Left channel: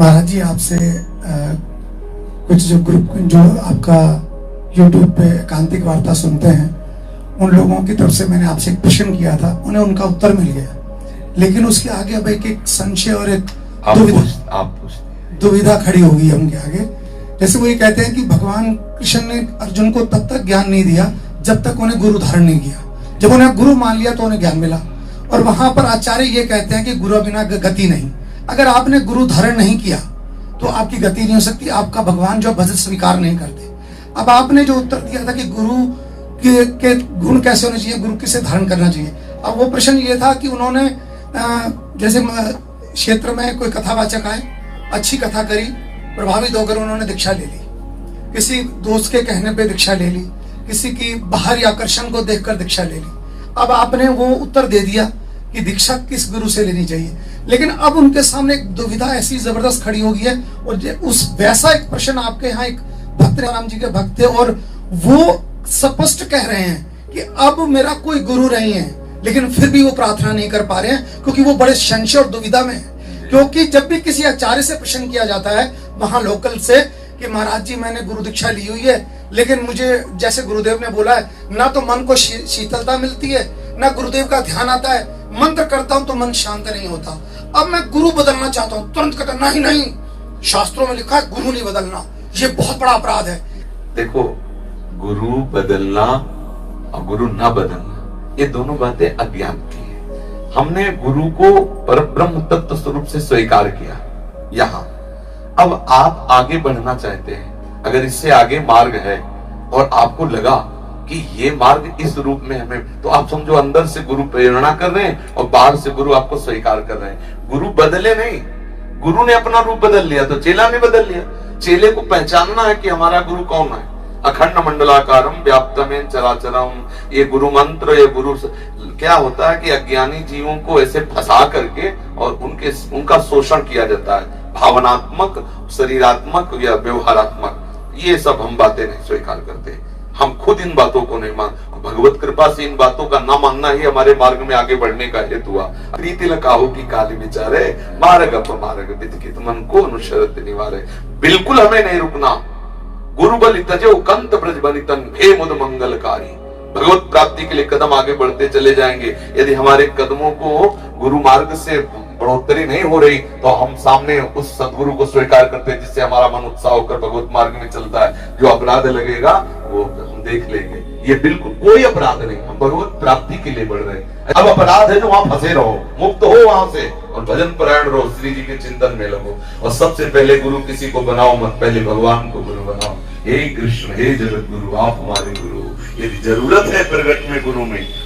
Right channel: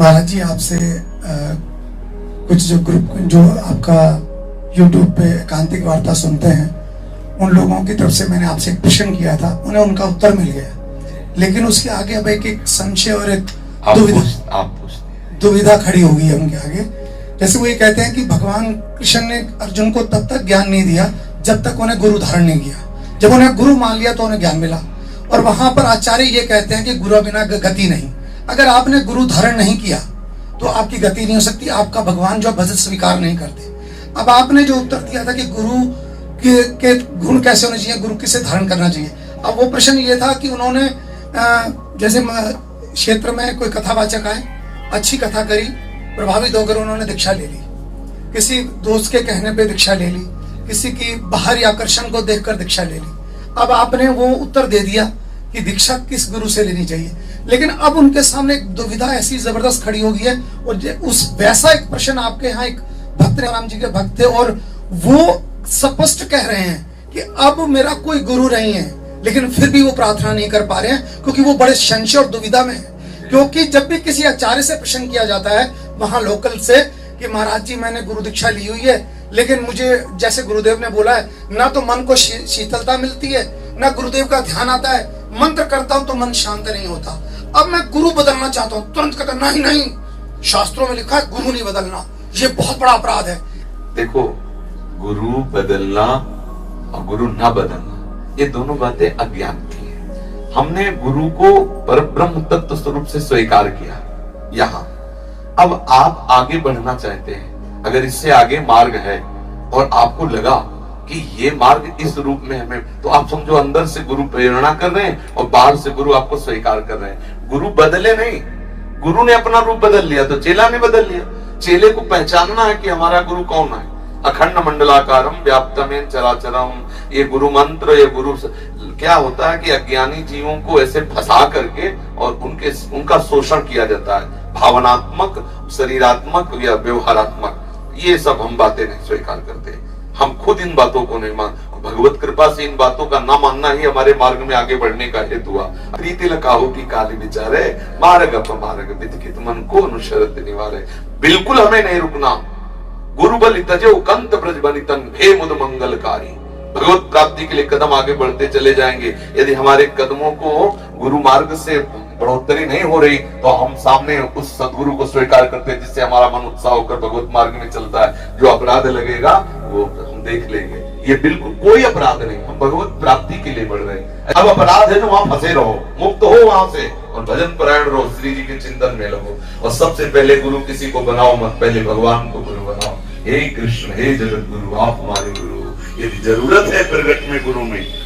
महाराज जी आपसे कुछ जो ग्रुप जो आपका यूट्यूब पे एकांतिक वार्ता सुनते हैं उन लोगों की तरफ से मैंने आपसे एक प्रश्न किया था, उन्हें उनका उत्तर मिल गया, लेकिन उसके आगे अब एक संशय और एक दुविधा खड़ी होगी उनके आगे। जैसे वो ये कहते हैं कि भगवान कृष्ण ने अर्जुन को तब तक ज्ञान नहीं दिया जब तक उन्हें गुरु धारण नहीं किया, जब उन्हें गुरु मान लिया तो उन्हें ज्ञान मिला। और वहां पर आचार्य ये कहते हैं कि गुरु बिना गति नहीं, अगर आपने गुरु धारण नहीं किया तो आपकी गति नहीं हो सकती, आपका भगवान जो भजन स्वीकार नहीं करते। अब आपने जो उत्तर दिया था कि गुरु के गुण कैसे होने चाहिए, गुरु किसे धारण करना चाहिए, अब वो प्रश्न ये था कि उन्होंने जैसे क्षेत्र में कोई कथावाचक आए, अच्छी कथा करी, प्रभावित होकर उन्होंने दीक्षा ले ली, किसी दोस्त के कहने पे दीक्षा ले ली, किसी की बाहरी आकर्षण को देखकर दीक्षा ले ली। अब आपने वो उत्तर दे दिया कि दीक्षा किस गुरु से लेनी चाहिए, लेकिन अब उनके सामने एक दुविधा ऐसी जबरदस्त खड़ी हो गई है। और उस वैसा एक प्रश्न आपके यहाँ एक भक्त राम जी के भक्त थे और वो स्पष्ट कह रहे हैं कि अब मेरा कोई गुरु नहीं है, लेकिन फिर भी वो प्रार्थना नहीं कर पा रहे हैं क्योंकि वो बड़े संशय और दुविधा में है। क्योंकि जब भी किसी आचार्य से प्रश्न किया जाता है वहां लोकल से कि महाराज जी मैंने गुरु दीक्षा ली हुई है, लेकिन मुझे जैसे गुरुदेव ने बोला है ना तो मन को शीतलता मिलती है, ना गुरुदेव का ध्यान आता है, मंत्र करता हूं तो मन शांत नहीं होता, अब मैं गुरु बदलना चाहता हूं, तुरंत कहता नहीं नहीं, शास्त्रों में लिखा है गुरु नहीं बदलना, ये बहुत बड़ा अपराध है। देखो, गुरु बदलना और गुरु न बदलना ये दोनों बातें अज्ञान की है। हमने गुरु को परब्रह्म तत्व स्वरूप से स्वीकार किया यहाँ। अब आप आगे बढ़ना चाहते हैं, अगर इससे आगे मार्ग है और आपको लगा कि ये मार्ग इस रूप में हमें, तो आप समझो अंदर से गुरु प्रेरणा कर रहे हैं और बाहर से गुरु आपको स्वीकार कर रहे हैं। गुरु बदले नहीं, गुरु ने अपना रूप बदल लिया तो चेला भी बदल लिया। चेले को पहचानना है कि हमारा गुरु कौन है। अखंड मंडलाकारम व्याप्तमेन चराचरम, ये गुरु मंत्र, ये गुरु क्या होता है कि अज्ञानी जीवों को ऐसे फंसा करके और उनका शोषण किया जाता है, भावनात्मक, शरीरात्मक या व्यवहारात्मक, ये सब हम बातें नहीं स्वीकार करते। हम खुद इन बातों को नहीं मान, भगवत कृपा से इन बातों का न मानना ही हमारे मार्ग में आगे बढ़ने का हेतु हुआ। प्रीति लकाहु की काली विचारे मार्ग अपमार्ग विदित मन को अनुशरत निवारे। बिल्कुल हमें नहीं रुकना। गुरु बलि तजो कंत ब्रज बनितन भे मुद मंगलकारी। भगवत प्राप्ति के लिए कदम आगे बढ़ते चले जाएंगे। यदि हमारे कदमों को गुरु मार्ग से बढ़ोतरी नहीं हो रही तो हम सामने उस सदगुरु को स्वीकार करते हैं जिससे हमारा मन उत्साह होकर भगवत मार्ग में चलता है। जो अपराध लगेगा वो हम देख लेंगे। ये बिल्कुल कोई अपराध नहीं, हम भगवत प्राप्ति के लिए बढ़ रहे हैं। अब अपराध है तो वहां फंसे रहो, मुक्त हो वहां से और भजन परायण रहो, श्री जी के चिंतन में लगो। और सबसे पहले गुरु किसी को बनाओ मत, पहले भगवान को गुरु बनाओ। हे कृष्ण, हे जगत गुरु, आप हमारे गुरु। यदि जरूरत है प्रगट में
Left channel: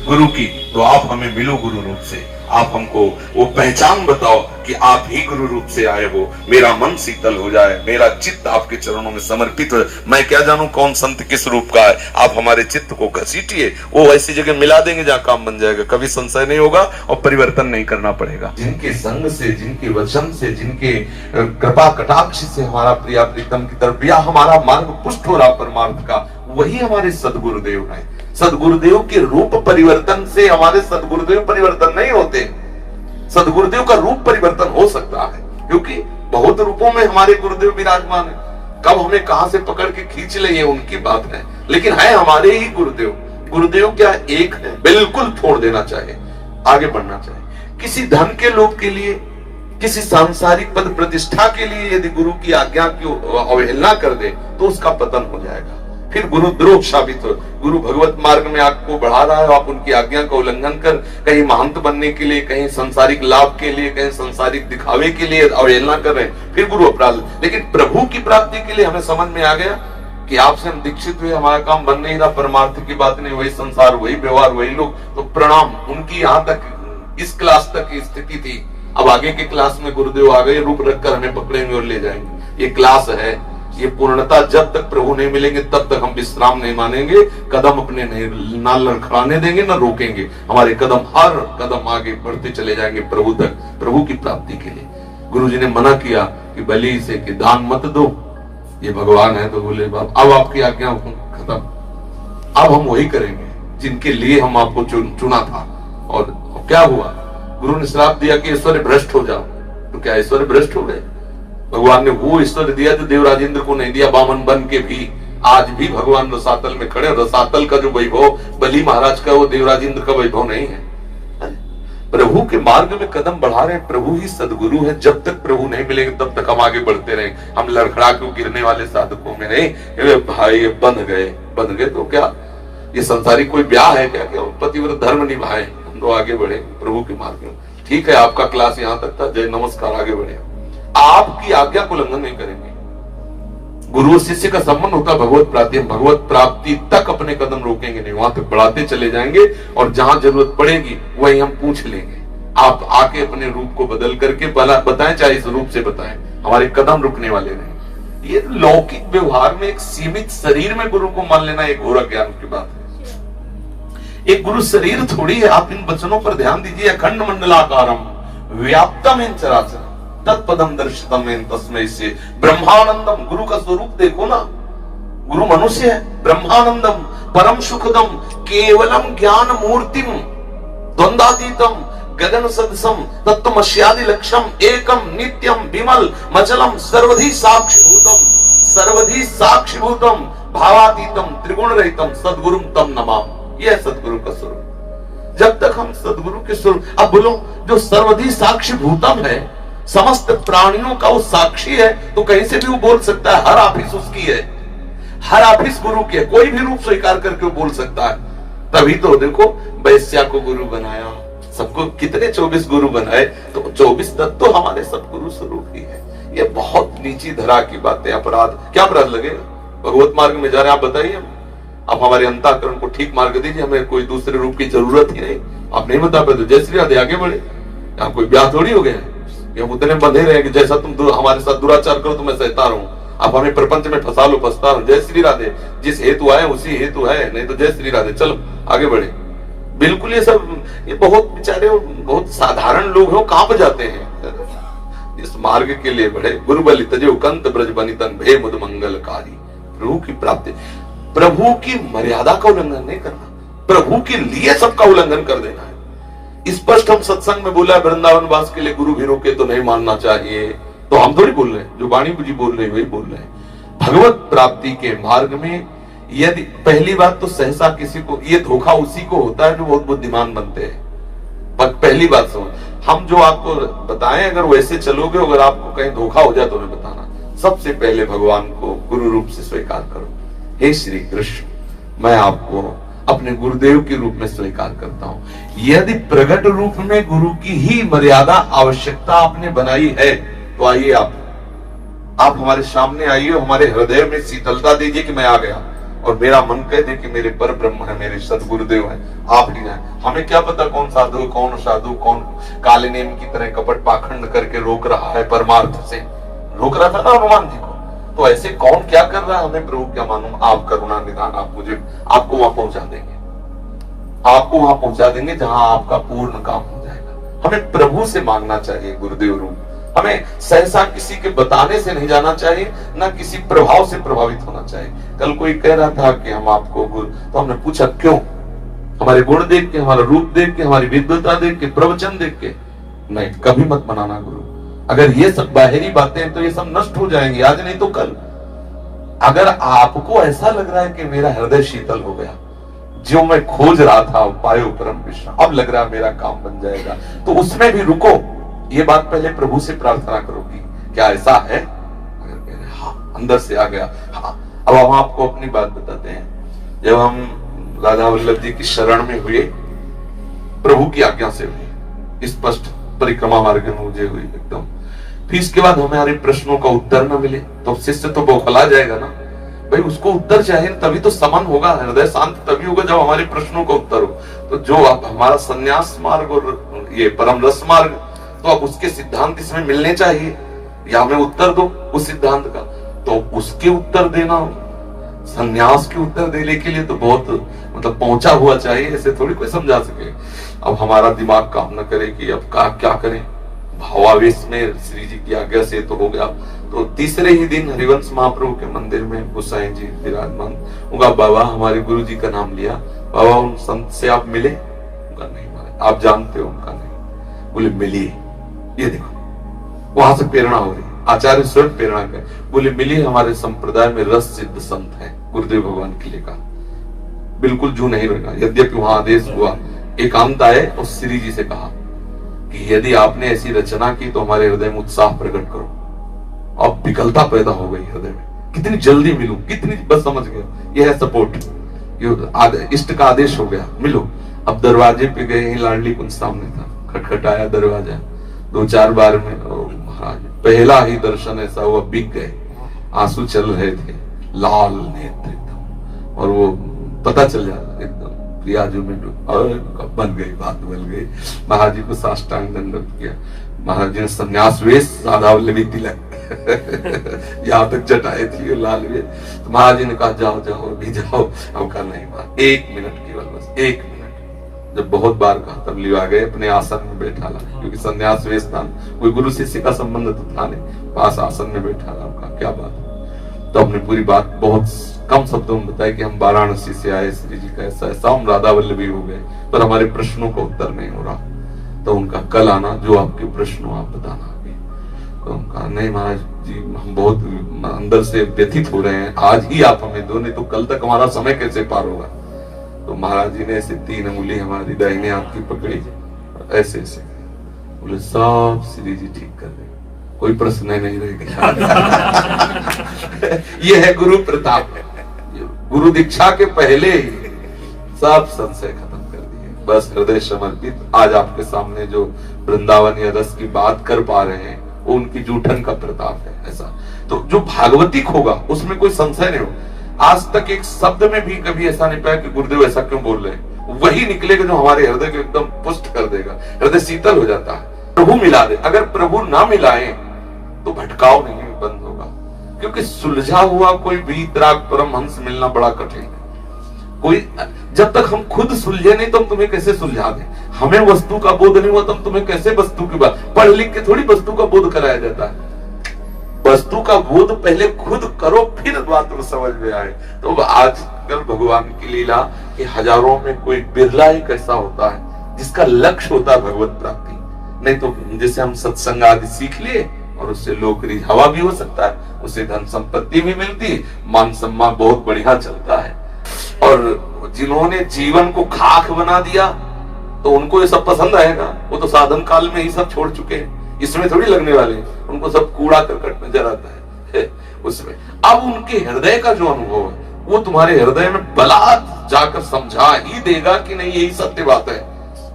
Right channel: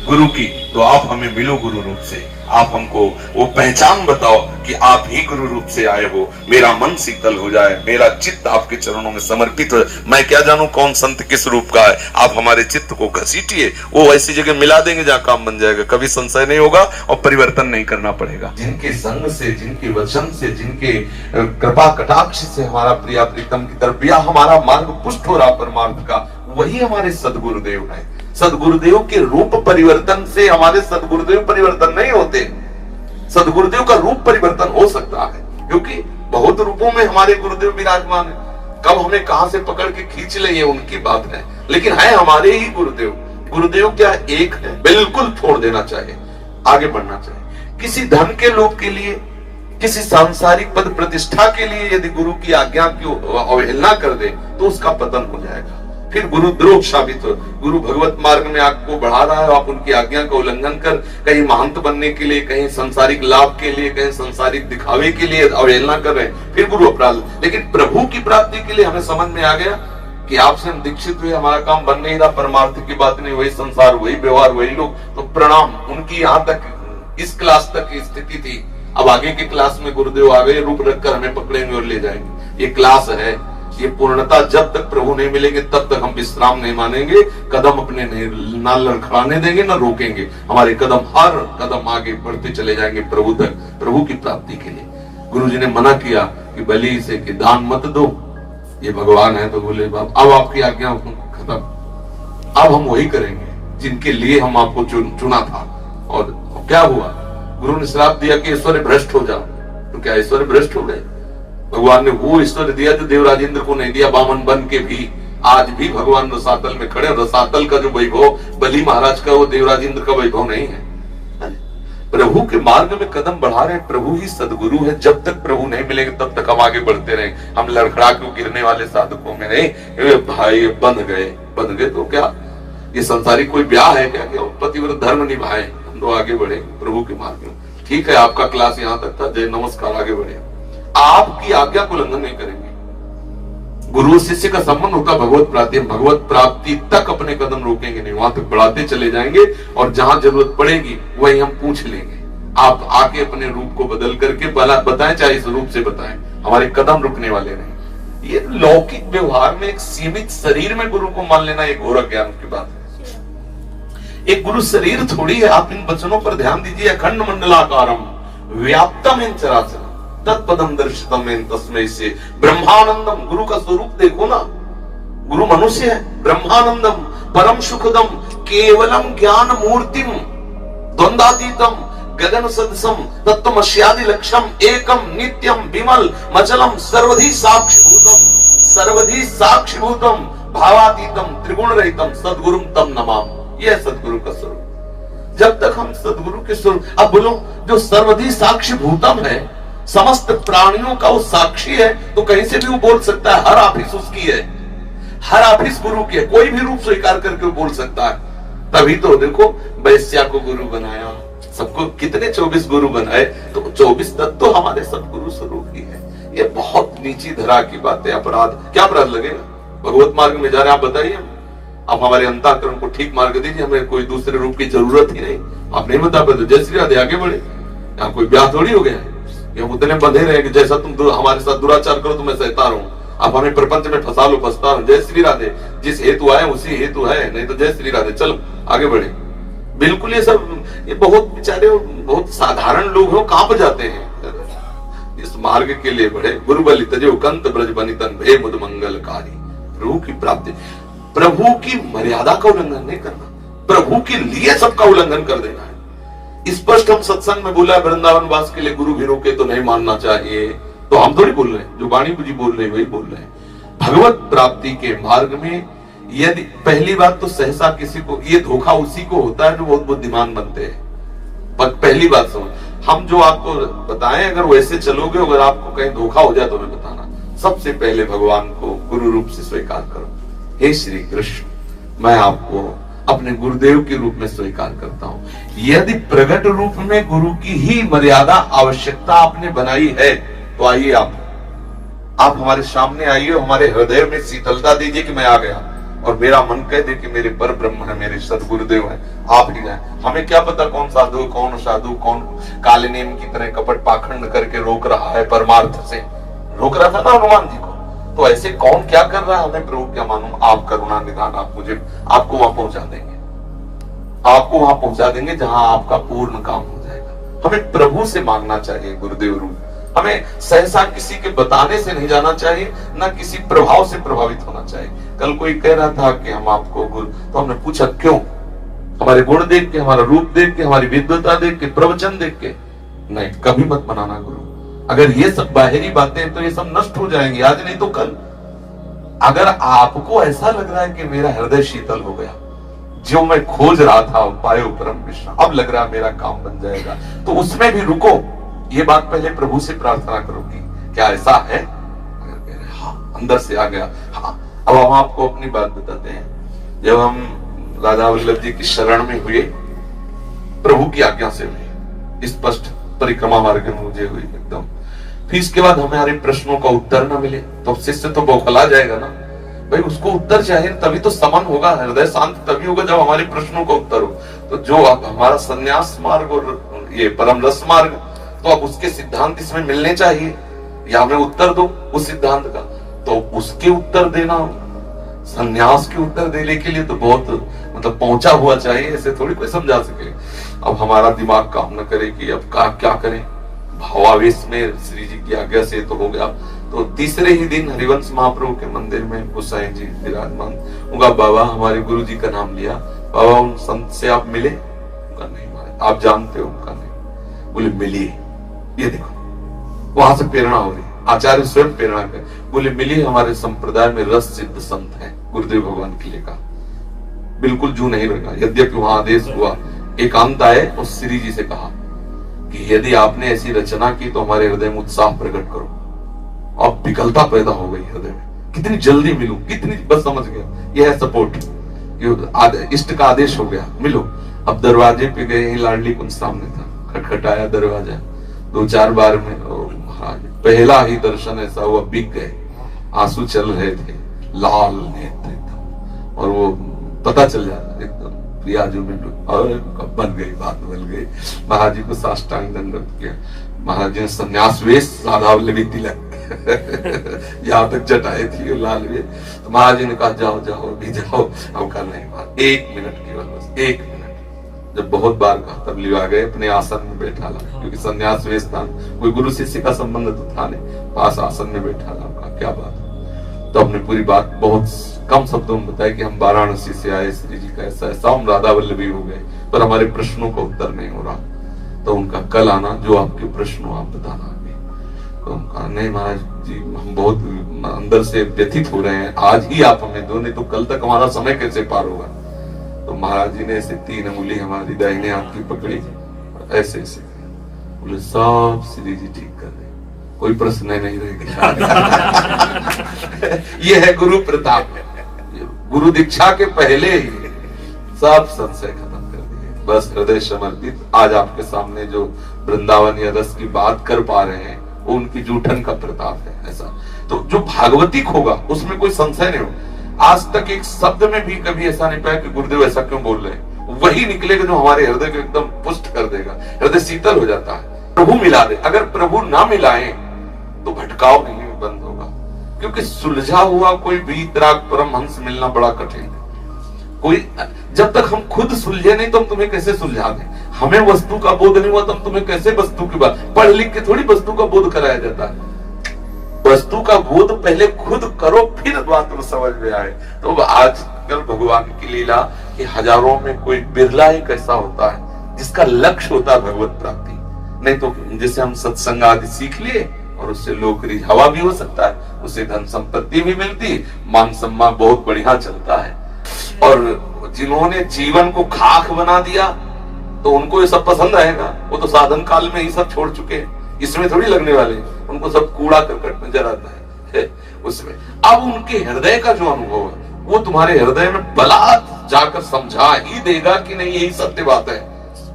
गुरु की तो आप हमें मिलो गुरु रूप से। आप हमको वो पहचान बताओ कि आप ही गुरु रूप से आए हो। मेरा मन शीतल हो जाए, मेरा चित्त आपके चरणों में समर्पित हो। मैं क्या जानूं कौन संत किस रूप का है, आप हमारे चित्त को घसीटिए, वो ऐसी जगह मिला देंगे जहाँ काम बन जाएगा। कभी संशय नहीं होगा और परिवर्तन नहीं करना पड़ेगा। जिनके संग से, जिनके वचन से, जिनके कृपा कटाक्ष से हमारा प्रिया प्रीतम की तरफ या हमारा मार्ग पुष्ट हो रहा परमार्थ का, वही हमारे सदगुरुदेव हैं। सदगुरुदेव के रूप परिवर्तन से हमारे सदगुरुदेव परिवर्तन नहीं होते। सदगुरुदेव का रूप परिवर्तन हो सकता है क्योंकि बहुत रूपों में हमारे गुरुदेव विराजमान है। कब हमें कहां से पकड़ के खींच ले ये उनकी बात है, लेकिन है हमारे ही गुरुदेव। गुरुदेव क्या एक है, बिल्कुल छोड़ देना चाहिए, आगे बढ़ना चाहिए। किसी धन के लोभ के लिए, किसी सांसारिक पद प्रतिष्ठा के लिए यदि गुरु की आज्ञा की अवहेलना कर दे तो उसका पतन हो जाएगा, फिर गुरुद्रोह साबित हो। गुरु भगवत मार्ग में आपको बढ़ा रहा है, आप उनकी आज्ञा का उल्लंघन कर कहीं महंत बनने के लिए, कहीं सांसारिक लाभ के लिए, कहीं सांसारिक दिखावे के लिए अवहेलना कर रहे हैं, फिर गुरु अपराध। लेकिन प्रभु की प्राप्ति के लिए हमें समझ में आ गया कि आपसे हम दीक्षित हुए, हमारा काम बन नहीं रहा, परमार्थ की बात नहीं, वही संसार, वही व्यवहार, वही लोग, तो प्रणाम। उनकी यहाँ तक इस क्लास तक की स्थिति थी। अब आगे के क्लास में गुरुदेव आ गए, रूप रखकर हमें पकड़ेंगे और ले जाएंगे। ये क्लास है, ये पूर्णता जब तक प्रभु नहीं मिलेंगे तब तक हम विश्राम नहीं मानेंगे, कदम अपने ना लड़खड़ाने देंगे, ना रोकेंगे। हमारे कदम हर कदम आगे बढ़ते चले जाएंगे प्रभु तक, प्रभु की प्राप्ति के लिए। गुरु जी ने मना किया कि बलि से कि दान मत दो, ये भगवान है, तो बोले बाप अब आपकी आज्ञा खत्म, अब हम वही करेंगे जिनके लिए हम आपको चुना था। और क्या हुआ, गुरु ने श्राप दिया कि ऐश्वर्य भ्रष्ट हो जाओ, तो क्या ऐश्वर्य भ्रष्ट हो गए? भगवान ने वो ईश्वर दिया तो देवराजेंद्र को नहीं दिया। बामन बन के भी आज भी भगवान रसातल में खड़े। रसातल का जो वैभव बली महाराज का, वो देवराजेंद्र का वैभव नहीं है। प्रभु के मार्ग में कदम बढ़ा रहे, प्रभु ही सदगुरु है। जब तक प्रभु नहीं मिलेंगे तब तक हम आगे बढ़ते रहे। हम लड़खड़ा क्यों गिरने वाले साधकों में नहीं। भाई बन गए तो क्या ये संसारी कोई ब्याह है क्या? पतिव्रत धर्म निभाए, हम लोग आगे बढ़े प्रभु के मार्ग में। ठीक है, आपका क्लास यहाँ तक था, जय नमस्कार, आगे बढ़े। आपकी आज्ञा को उल्लंघन नहीं करेंगे। गुरु शिष्य का संबंध होता भगवत प्राप्ति। भगवत प्राप्ति तक अपने कदम रोकेंगे नहीं, वहां तक बढ़ाते चले जाएंगे और जहां जरूरत पड़ेगी वही हम पूछ लेंगे। आप आके अपने रूप को बदल करके बताएं, चाहे इस रूप से बताएं, हमारे कदम रुकने वाले नहीं। ये लौकिक व्यवहार में एक सीमित शरीर में गुरु को मान लेना एक घोर ज्ञान की बात है। एक गुरु शरीर थोड़ी है। आप इन वचनों पर ध्यान दीजिए। अखंड मंडलाकारम व्याप्तम इन चराचर तत्पदम दर्शितम इन तस्मै से ब्रह्मानंदम। गुरु का स्वरूप देखो ना, गुरु मनुष्य है। ब्रह्मानंदम परम सुखदम केवलम ज्ञान मूर्तिम द्वंद्वातीतम गगन सदसम तत्वमस्यादि लक्ष्यम एकम नित्यम विमल मचलम सर्वधि साक्षीभूतम भावातीतम त्रिगुण रहितम सदगुरुम तम नमामि। यह सदगुरु का स्वरूप। जब तक हम सदगुरु के स्वरूप, अब बोलो, जो सर्वधि साक्षीभूतम है, समस्त प्राणियों का वो साक्षी है, तो कहीं से भी वो बोल सकता है। हर ऑफिस उसकी है, हर ऑफिस गुरु की है। कोई भी रूप स्वीकार करके वो बोल सकता है। तभी तो देखो वैश्या को गुरु बनाया, सबको कितने 24 गुरु बनाए, तो 24 तत्व तो हमारे सदगुरु स्वरूप ही है। ये बहुत नीची धरा की बात है। अपराध, क्या अपराध लगेगा? भगवत मार्ग में जा रहे, आप बताइए। आप हमारे अंतःकरण को ठीक मार्ग दीजिए, हमें कोई दूसरे रूप की जरूरत ही नहीं। आप नहीं बता पाते, जय श्री राधे, आगे बढ़े। यहाँ कोई ब्याह थोड़ी हो गया, हम उतने बंधे रहे कि जैसा तुम हमारे साथ दुराचार करो तो मैं सहता रहूं। आप हमें प्रपंच में फंसा लो, फंसता रहो। जय श्री राधे, जिस हेतु आए उसी हेतु है, नहीं तो जय श्री राधे, चलो आगे बढ़े। बिल्कुल ये सब, ये बहुत बेचारे बहुत साधारण लोग हैं, कांप जाते हैं। इस मार्ग के लिए बढ़े। गुरु बलि तजे कंत ब्रज बनितन भे मुद मंगलकारी। प्रभु की प्राप्ति, प्रभु की मर्यादा का उल्लंघन नहीं करना, प्रभु के लिए सबका उल्लंघन कर देना है। स्पष्ट हम सत्संग में बोला है, वृंदावन वास के लिए गुरु भी रोके तो नहीं मानना चाहिए। तो हम थोड़ी बोल रहे हैं, जो वाणी जी बोल रहे हैं वही बोल रहे हैं। भगवत प्राप्ति के मार्ग में यदि पहली बात तो सहसा किसी को, ये धोखा उसी को होता है जो बहुत बुद्धिमान बनते हैं। पर पहली बात समझ, हम जो आपको बताएं, अगर वैसे चलोगे, अगर आपको कहीं धोखा हो जाए तो हमें बताना। सबसे पहले भगवान को गुरु रूप से स्वीकार करो। हे श्री कृष्ण, मैं आपको अपने गुरुदेव के रूप में स्वीकार करता हूं। यदि प्रकट रूप में गुरु की ही मर्यादा आवश्यकता आपने बनाई है, तो आइए आप हमारे सामने आइए, हमारे हृदय में शीतलता दीजिए कि मैं आ गया, और मेरा मन कह दे कि मेरे पर ब्रह्म है, मेरे सदगुरुदेव है, आप ही हैं। हमें क्या पता कौन साधु, कौन काले नेम की तरह कपट पाखंड करके रोक रहा है, परमार्थ से रोक रहा था ना हनुमान जी को। तो ऐसे कौन क्या कर रहा है, हमें प्रभु क्या मालूम। आप करुणा निदान, आप मुझे, आपको वहां पहुंचा देंगे, आपको वहां पहुंचा देंगे जहां आपका पूर्ण काम हो जाएगा। हमें प्रभु से मांगना चाहिए गुरुदेव रूप। हमें सहसा किसी के बताने से नहीं जाना चाहिए, ना किसी प्रभाव से प्रभावित होना चाहिए। कल कोई कह रहा था कि हम आपको गुरु, तो हमने पूछा क्यों? हमारे गुण देख के, हमारा रूप देख के, हमारी विद्वता देख के, प्रवचन देख के? नहीं, कभी मत बनाना गुरु। अगर ये सब बाहरी बातें, तो ये सब नष्ट हो जाएंगी, आज नहीं तो कल। अगर आपको ऐसा लग रहा है कि मेरा हृदय शीतल हो गया, जो मैं खोज रहा था पायो परम विश्राम, अब लग रहा है मेरा काम बन जाएगा, तो उसमें भी रुको। ये बात पहले प्रभु से प्रार्थना करोगी, क्या ऐसा है? हाँ, अंदर से आ गया। हाँ, अब हम आपको अपनी बात बताते हैं। जब हम राधा वल्लभ जी की शरण में हुए, प्रभु की आज्ञा से हुए, स्पष्ट परिक्रमा मार्ग में मुझे हुई एकदम। फिर इसके बाद हमारे प्रश्नों का उत्तर न मिले तो शिष्य तो बौखला जाएगा ना भाई, उसको उत्तर चाहिए, तभी तो समन होगा, हृदय शांत तभी होगा जब हमारे प्रश्नों का उत्तर हो। तो जो अब हमारा संन्यास मार्ग और ये परम रस मार्ग, तो अब उसके सिद्धांत इसमें मिलने चाहिए, या हमें उत्तर दो उस सिद्धांत का, तो उसके उत्तर देना। संन्यास के उत्तर देने के लिए तो बहुत मतलब पहुंचा हुआ चाहिए, ऐसे थोड़ी कोई समझा सके। अब हमारा दिमाग काम न करे कि अब क्या करें, भावावेश में श्री जी की आज्ञा से तो हो गया। तो तीसरे ही दिन हरिवंश महाप्रभु के मंदिर में गोसाई जी विराजमान, उनका बाबा हमारे गुरु जी का नाम लिया, बाबा उन संत से आप मिले? उनका नहीं मारे, आप जानते हो? उनका नहीं। बोले मिलिए, ये देखो, वहां से प्रेरणा हो रही। आचार्य स्वयं प्रेरणा कर बोले, मिली हमारे संप्रदाय में रस सिद्ध संत है, गुरुदेव भगवान के लिए कहा, बिल्कुल जू नहीं रहेगा। यद्यपि वहां आदेश हुआ, एकांत आए और श्री जी से कहा कि यदि आपने ऐसी रचना की तो हमारे हृदय में उत्साह प्रकट करो। अब विकलता पैदा हो गई हृदय में, कितनी जल्दी मिलूं, कितनी, बस समझ गया यह है सपोर्ट, इष्ट का आदेश हो गया, मिलो। अब दरवाजे पे गए, ही लाडली कुंज सामने था, खटखटाया दरवाजा, 2-4 बार में महाराज पहला ही दर्शन ऐसा हुआ, बिक गए, आंसू चल रहे थे, लाल नेत्र एकदम, और वो पता चल जाता एकदम प्रियाजू में, और बन गई, बात बन गई। महाराज जी को साष्टांग दंडवत किया, महाराज जी ने संन्यास वेश, राधावल्लभी तिलक यहाँ तक जटाए थी लाल वे, तो महाराज जी ने कहा जाओ जाओ अभी जाओ। हम कहा नहीं, 1 मिनट केवल, बस 1 मिनट। जब बहुत बार कहा तब लिवा गए, अपने आसन में बैठा ला, क्योंकि संन्यास वेश था, कोई गुरु शिष्य का संबंध तो था नहीं, पास आसन में बैठा ला। कहा क्या बात, तो हमने पूरी बात बहुत कम शब्दों में बताया कि हम वाराणसी से आए, श्री जी का ऐसा ऐसा, हम राधावल्लभी हो गए, पर हमारे प्रश्नों का उत्तर नहीं हो रहा। तो उनका कल आना, जो आपके प्रश्न हो आप बताना। तो उनका नहीं महाराज जी, हम बहुत अंदर से व्यथित हो रहे हैं, आज ही आप हमें दो, नहीं तो कल तक हमारा समय कैसे पार होगा। तो महाराज जी ने ऐसे 3 अंगुली हमारी दाहिने हाथ की पकड़ी, ऐसे ऐसे बोले, सब श्री जी ठीक कर दे, कोई प्रश्न नहीं रहेगा। ये है गुरु प्रताप, गुरु दीक्षा के पहले ही सब संशय खत्म कर दिए, बस हृदय समर्पित। आज आपके सामने जो वृंदावन या रस की बात कर पा रहे हैं, वो उनकी जूठन का प्रताप है। ऐसा तो जो भागवतिक होगा उसमें कोई संशय नहीं होगा। आज तक एक शब्द में भी कभी ऐसा नहीं पाया कि गुरुदेव ऐसा क्यों बोल रहे हैं, वही निकलेगा जो हमारे हृदय को एकदम पुष्ट कर देगा, हृदय शीतल हो जाता है। प्रभु मिला दे, अगर प्रभु ना मिलाए तो भटकाव नहीं बंद होगा, क्योंकि सुलझा हुआ कोई वीतराग परमहंस मिलना बड़ा कठिन है। कोई जब तक हम खुद सुलझे नहीं तो हम तुम्हें कैसे सुलझा दें, हमें वस्तु का बोध नहीं हुआ तो हम तुम्हें कैसे वस्तु की बात, पढ़ लिख के थोड़ी वस्तु का बोध कराया जाता है। वस्तु का बोध पहले खुद करो, फिर बात को समझ में आए। तो आजकल भगवान की लीला कि हजारों में कोई बिरला ही कैसा होता है जिसका लक्ष्य होता है भगवत प्राप्ति। नहीं तो जैसे हम सत्संग आदि सीख लिए और उससे लोक रिझावा भी हो सकता है, उससे धन संपत्ति भी मिलती, मान सम्मान बहुत बढ़िया चलता है। और जिन्होंने जीवन को खाक बना दिया तो उनको ये सब पसंद आएगा, वो तो साधन काल में ही सब छोड़ चुके हैं, इसमें थोड़ी लगने वाले, उनको सब कूड़ा करकट नजर आता है उसमें। अब उनके हृदय का जो अनुभव है वो तुम्हारे हृदय में बलात् जाकर समझा ही देगा कि नहीं यही सत्य बात है,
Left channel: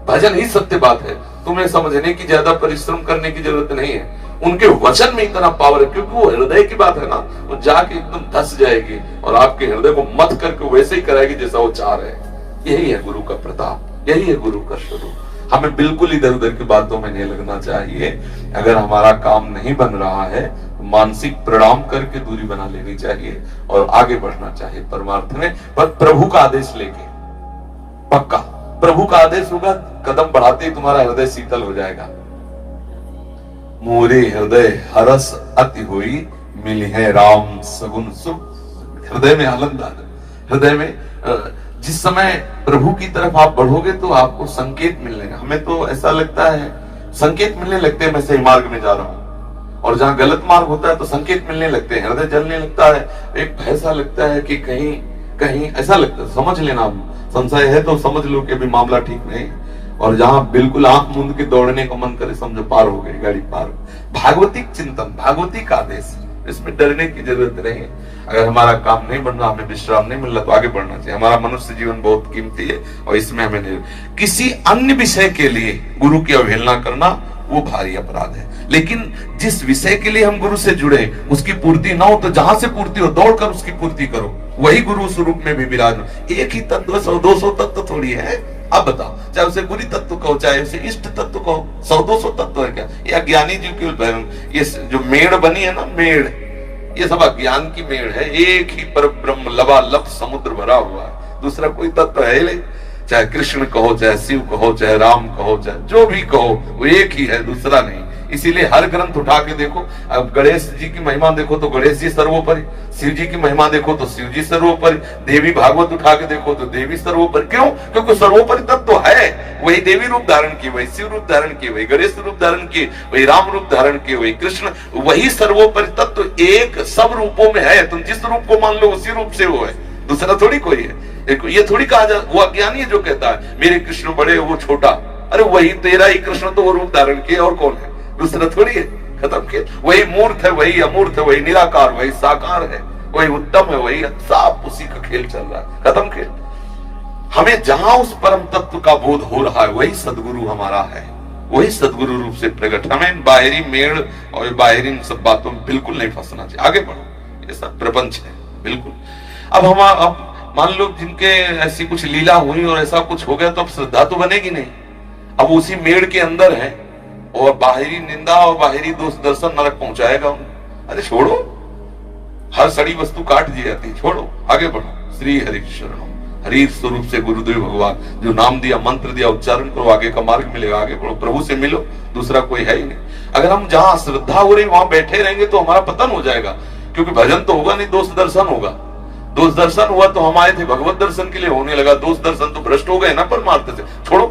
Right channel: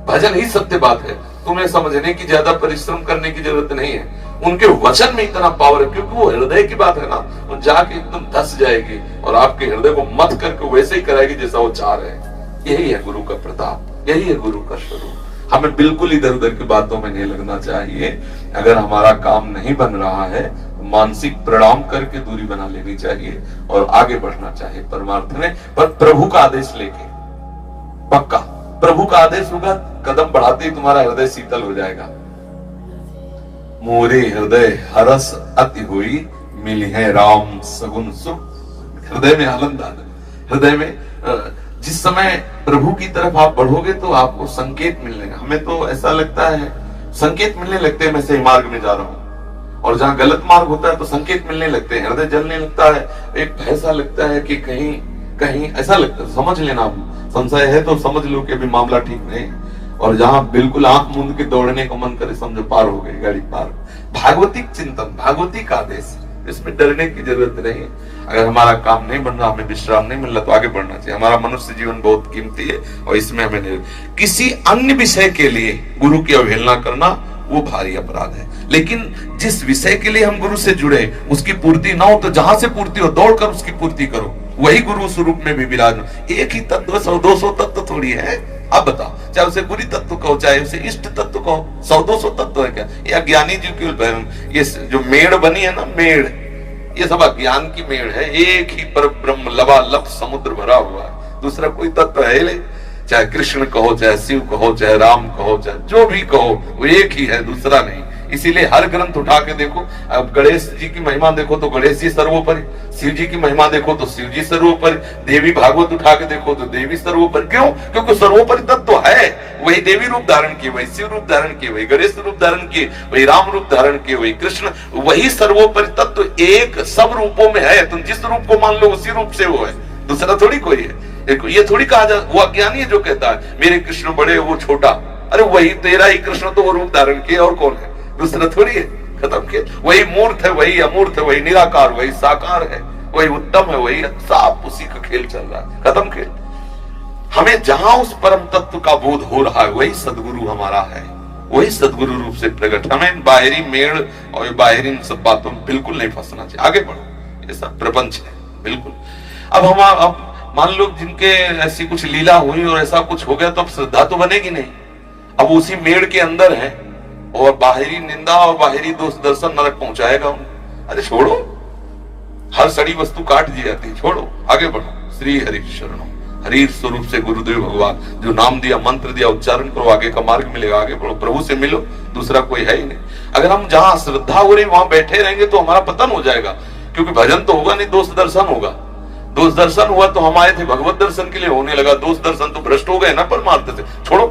भजन ही सत्य बात है। तुम्हें समझने की ज्यादा परिश्रम करने की जरूरत नहीं है, उनके वचन में इतना पावर है, क्योंकि वो हृदय की बात है ना, वो जाके एकदम धस जाएगी और आपके हृदय को मत करके वैसे ही कराएगी जैसा वो चाह रहे हैं। यही है गुरु का प्रताप, यही है गुरु का स्वरूप। हमें बिल्कुल इधर उधर की बातों में नहीं लगना चाहिए। अगर हमारा काम नहीं बन रहा है तो मानसिक प्रणाम करके दूरी बना लेनी चाहिए और आगे बढ़ना चाहिए परमार्थ में, पर प्रभु का आदेश लेके। पक्का प्रभु का आदेश होगा, कदम बढ़ाते ही तुम्हारा हृदय शीतल हो जाएगा। मोरे हृदय हरस अति हुई, मिली है राम सगुन सुख। हृदय में आनंद आ, हृदय में जिस समय प्रभु की तरफ आप बढ़ोगे तो आपको संकेत मिलने, हमें तो ऐसा लगता है संकेत मिलने लगते हैं मैं सही मार्ग में जा रहा हूं, और जहां गलत मार्ग होता है तो संकेत मिलने लगते हैं, हृदय जलने लगता है, एक ऐसा लगता है कि कहीं कहीं ऐसा लगता है, समझ लेना संशय है तो समझ लो कि अभी मामला ठीक नहीं। और जहां बिल्कुल आंख मूंद के दौड़ने का मन करे समझो पार हो गई गाड़ी पार। भागवतिक चिंतन, भागवतिक आदेश, इसमें डरने की जरूरत नहीं है। अगर हमारा काम नहीं बन रहा, हमें विश्राम नहीं मिल रहा तो आगे बढ़ना चाहिए। हमारा मनुष्य जीवन बहुत कीमती है और इसमें हमें नहीं, किसी अन्य विषय के लिए गुरु की अवहेलना करना वो भारी अपराध है। लेकिन जिस विषय के लिए हम गुरु से जुड़े उसकी पूर्ति ना हो तो जहां से पूर्ति हो दौड़कर उसकी पूर्ति करो, वही गुरु स्वरूप में भी विराज। एक ही तत्व 100-200 तत्व थोड़ी है। अब बताओ, चाहे उसे गुरी तत्व कहो चाहे उसे इष्ट तत्व कहो, 100-200 तत्व है क्या? ये अज्ञानी जी की ये जो मेड़ बनी है ना, मेड़, ये सब अज्ञान की मेड़ है। एक ही पर ब्रह्म लबालब समुद्र भरा हुआ है, दूसरा कोई तत्व है नहीं। चाहे कृष्ण कहो, चाहे शिव कहो, चाहे राम कहो, चाहे जो भी कहो, वो एक ही है, दूसरा नहीं। इसीलिए हर ग्रंथ उठा के देखो, अब गणेश जी की महिमा देखो तो गणेश जी सर्वोपरि, शिव जी की महिमा देखो तो शिव जी सर्वोपरि, देवी भागवत उठा के देखो तो देवी सर्वोपरि। क्यों? क्योंकि सर्वोपरि तत्व तो है, वही देवी रूप धारण किए, वही शिव रूप धारण किए, वही गणेश रूप धारण किए, वही राम रूप धारण किए, वही कृष्ण, वही सर्वोपरि तत्व तो एक सब रूपों में है। तुम जिस रूप को मान लो उसी रूप से वो है, दूसरा थोड़ी कोई है। देखो ये थोड़ी कहा जाए वो अज्ञानी है जो कहता है मेरे कृष्ण बड़े वो छोटा, अरे वही तेरा ही कृष्ण तो वो रूप धारण किए, और कौन है? दूसरा थोड़ी है। खत्म के वही मूर्त है, वही अमूर्त है, वही निराकार, वही साकार है, वही उत्तम है, वही सब उसी का खेल चल रहा है। खत्म खेल। हमें जहां उस परम तत्व का बोध हो रहा है वही सदगुरु हमारा है, वही सदगुरु रूप से प्रकट। हमें बाहरी मेड़ और बाहरी इन सब बातों में बिल्कुल नहीं फंसना चाहिए। आगे बढ़ो, ये सब प्रपंच है बिल्कुल। अब मान लो जिनके ऐसी कुछ लीला हुई और ऐसा कुछ हो गया तो अब श्रद्धा तो बनेगी नहीं। अब उसी मेड़ के अंदर है और बाहरी निंदा और बाहरी दोष दर्शन नरक पहुंचाएगा उन्हें। अरे छोड़ो, हर सड़ी वस्तु काट दी जाती, छोड़ो, आगे बढ़ो। श्री हरि शरणम, हरि स्वरूप से गुरुदेव भगवान जो नाम दिया, मंत्र दिया, उच्चारण करो, आगे का मार्ग मिलेगा। आगे बढ़ो, प्रभु से मिलो, दूसरा कोई है ही नहीं। अगर हम जहां श्रद्धा हो रही वहां बैठे रहेंगे तो हमारा पतन हो जाएगा, क्योंकि भजन तो होगा नहीं, दोष दर्शन होगा। दोष दर्शन हुआ तो हम आए थे भगवत दर्शन के लिए, होने लगा दोष दर्शन तो भ्रष्ट हो गए ना परमार्थ से। छोड़ो,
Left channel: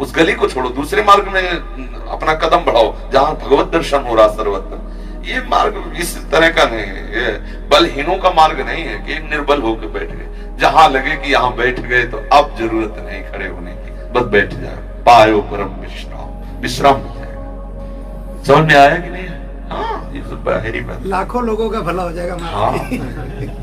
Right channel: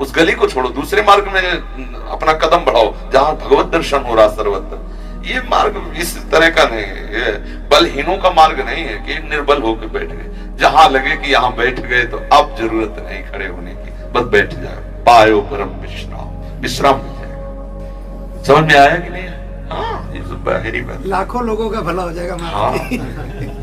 उस गली को छोड़ो, दूसरे मार्ग में अपना कदम बढ़ाओ जहां भगवत दर्शन हो रहा सर्वत्र। ये मार्ग इस तरह का नहीं है, बलहीनों का मार्ग नहीं है कि निर्बल होकर बैठ गए। जहां लगे कि यहाँ बैठ गए तो अब जरूरत नहीं खड़े होने की, बस बैठ जाओ, पायो परम विश्राम, विश्राम हो जाए। समझ में आया कि नहीं? हाँ, ये तो बाहरी बात, लाखों लोगों का भला हो जाएगा। हाँ।